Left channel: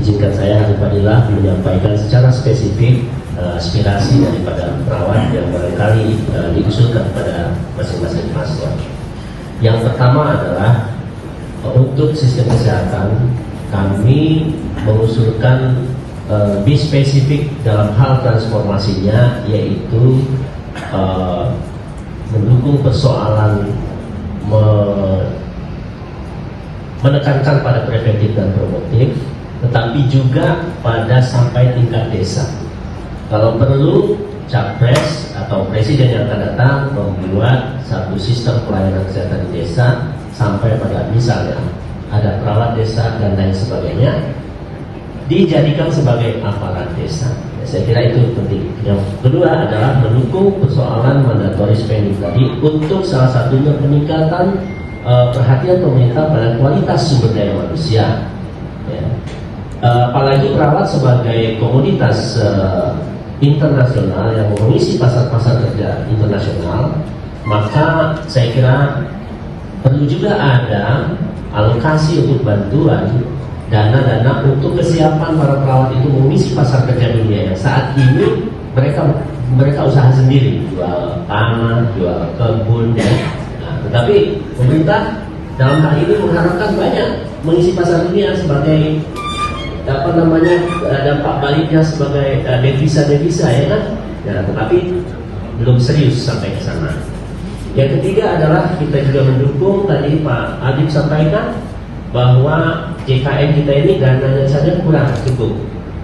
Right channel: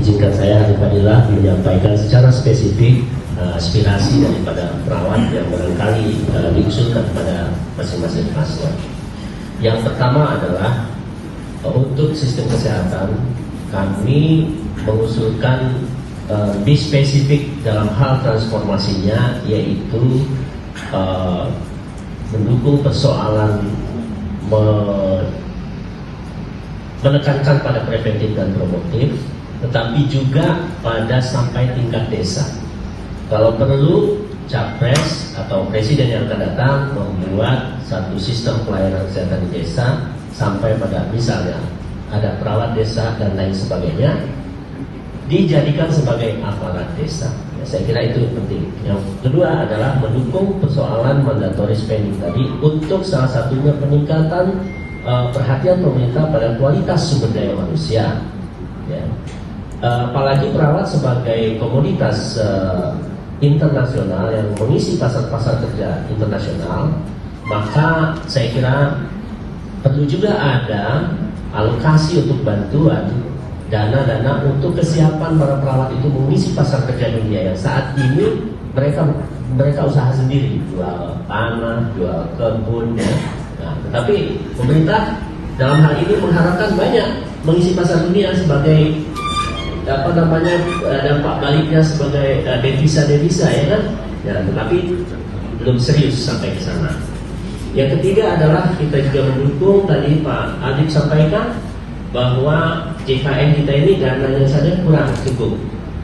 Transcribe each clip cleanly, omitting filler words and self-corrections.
izinkan saya Fadilah menyampaikan secara spesifik aspirasi daripada perawat yang barangkali diusulkan pada masing-masing pasien. Yang pertama adalah untuk sistem kesehatan kami mengusulkan di spesifik dalam hal transformasinya, yaitu mendukung persoalan menekankan pada preventif dan promotif, tetapi juga pada sampai tingkat desa. Kalau perlu, Capres atau Presiden yang akan datang membuat satu sistem pelayanan kesehatan di desa sampai pada misalnya ada perawat desa dan lain sebagainya dijadikan sebagai aparat desa. Ya, saya kira itu penting. Yang kedua adalah mendukung persoalan mandatory spending tadi untuk salah satunya peningkatan perhatian pemerintah pada kualitas sumber daya manusia. Ya. Apalagi perawat sebagai komoditas internasional yang mengisi pasar-pasar kerja internasional, maka saya kira perlu juga ada alokasi untuk bantuan dana-dana untuk kesiapan para perawat itu mengisi pasar kerja dunia yang saat ini mereka usaha sendiri, jual tanah, jual kebun, ya. Nah, tetapi pemerintah dalam hal ini mengharapkan banyak mengisi pasar dunia sebagai dampak baliknya sebagai devisa ya kan? Ya, tetapi belum serius sampai ke sana. Yang ketiga adalah kita juga mendukung tadi Pak Adib sampaikan bahwa JKN kita ini dananya saja kurang cukup.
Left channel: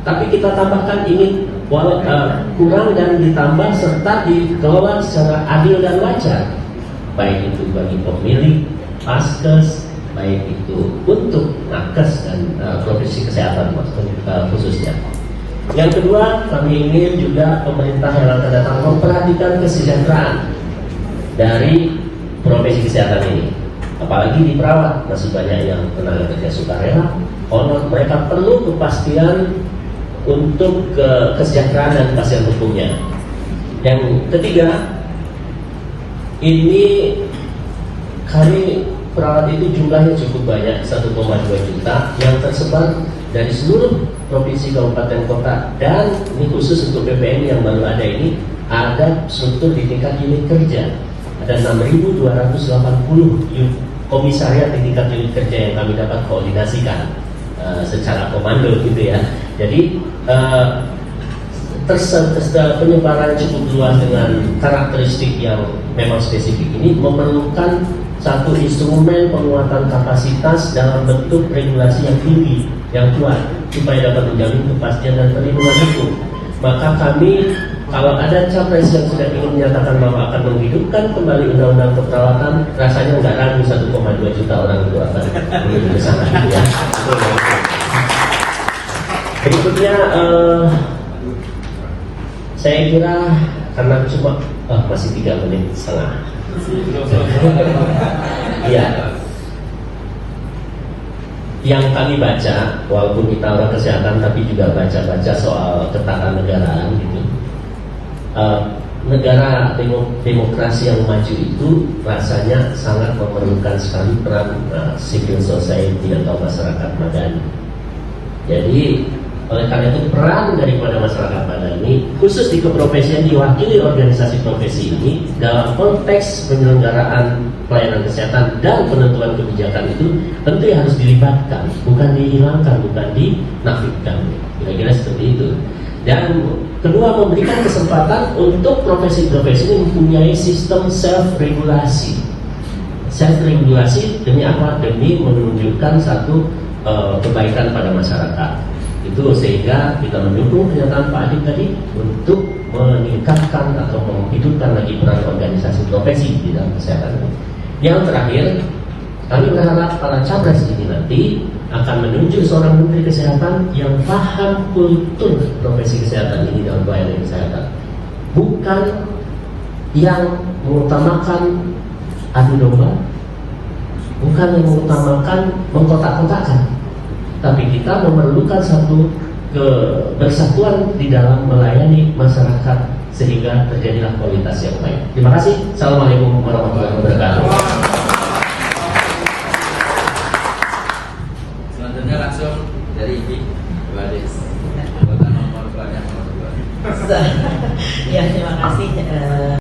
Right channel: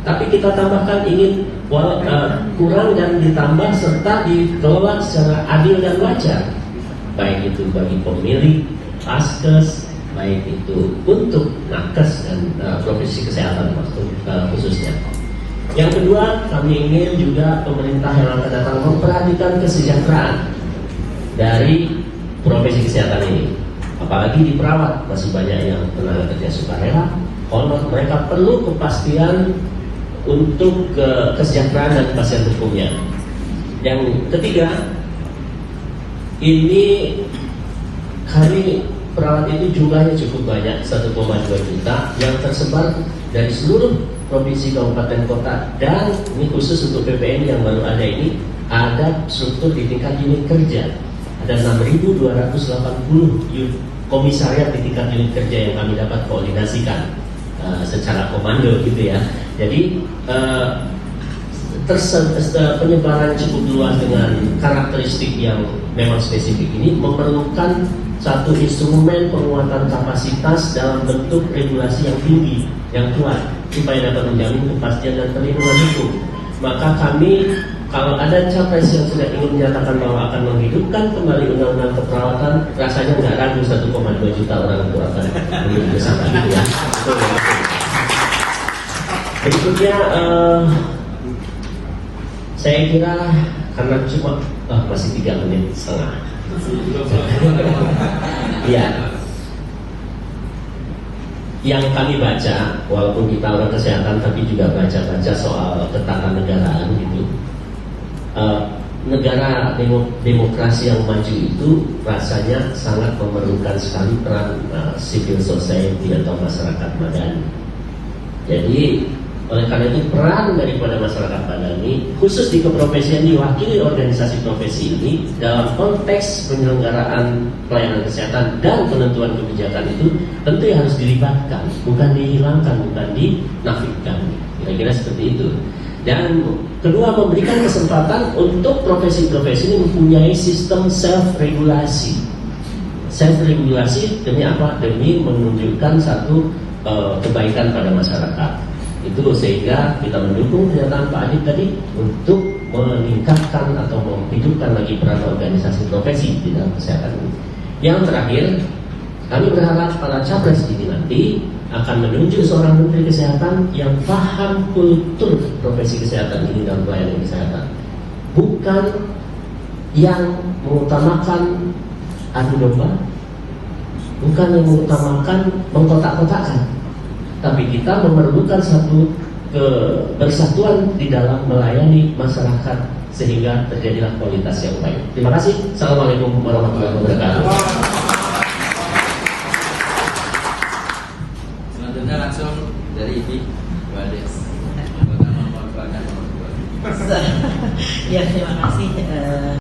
Tapi kita tambahkan ingin kurang dan ditambah serta dikelola secara adil dan wajar, baik itu bagi pemilih, paskes, baik itu untuk nakes dan profesi kesehatan khususnya. Yang kedua, kami ingin juga pemerintah yang akan datang memperhatikan kesejahteraan dari profesi kesehatan ini. Apalagi di perawat masih banyak yang tenaga kerja sukarela, mereka perlu kepastian untuk kesejahteraan dan kepastian hukumnya. Yang ketiga, ini kami perawat itu jumlahnya cukup banyak, 1,2 juta yang tersebar dari seluruh provinsi kabupaten kota, dan ini khusus untuk PPN yang baru ada ini ada struktur di tingkat unit kerja. Ada 6.280 komisariat di tingkat unit kerja yang kami dapat koordinasikan secara komando gitu ya. Jadi penyebaran cukup luas dengan karakteristik yang memang spesifik ini memerlukan satu instrumen penguatan kapasitas dalam bentuk regulasi yang tinggi, yang kuat, supaya dapat menjamin kepastian dan perlindungan hukum. Maka kami, kalau ada capres yang sudah ingin menyatakan bahwa akan menghidupkan kembali undang-undang keperawatan, rasanya nggak ragu 1,2 juta orang itu akan menuju ke sana. Ya. Berikutnya, saya kira karena cuma masih 3 menit setengah. Iya. Yang kami baca, walaupun kita orang kesehatan tapi juga baca-baca soal ketatanegaraan gitu. Negara demokrasi yang maju itu rasanya sangat memerlukan sekali peran civil society atau masyarakat madani. Jadi oleh karena itu peran daripada masyarakat madani khusus di keprofesian diwakili organisasi profesi ini dalam konteks penyelenggaraan pelayanan kesehatan dan penentuan kebijakan itu tentu harus dilibatkan, bukan dihilangkan, bukan dinafikan. Kira-kira seperti itu. Dan kedua, memberikan kesempatan untuk profesi-profesi ini mempunyai sistem self-regulasi. Self-regulasi demi apa? Demi menunjukkan satu kebaikan pada masyarakat. Itu sehingga kita mendukung pernyataan Pak Adib tadi untuk meningkatkan atau menghidupkan lagi peran organisasi profesi di dalam kesehatan. Yang terakhir, kami berharap para capres ini nanti akan menunjuk seorang menteri kesehatan yang paham kultur profesi kesehatan ini dalam pelayanan kesehatan, bukan yang mengutamakan adu domba, bukan yang mengutamakan mengkotak-kotakan. Tapi kita memerlukan satu kebersatuan di dalam melayani masyarakat sehingga terjadilah kualitas yang baik. Terima kasih. Assalamualaikum warahmatullahi wabarakatuh. Selanjutnya langsung dari IPI. balik anggota nomor badan. Ya, terima kasih.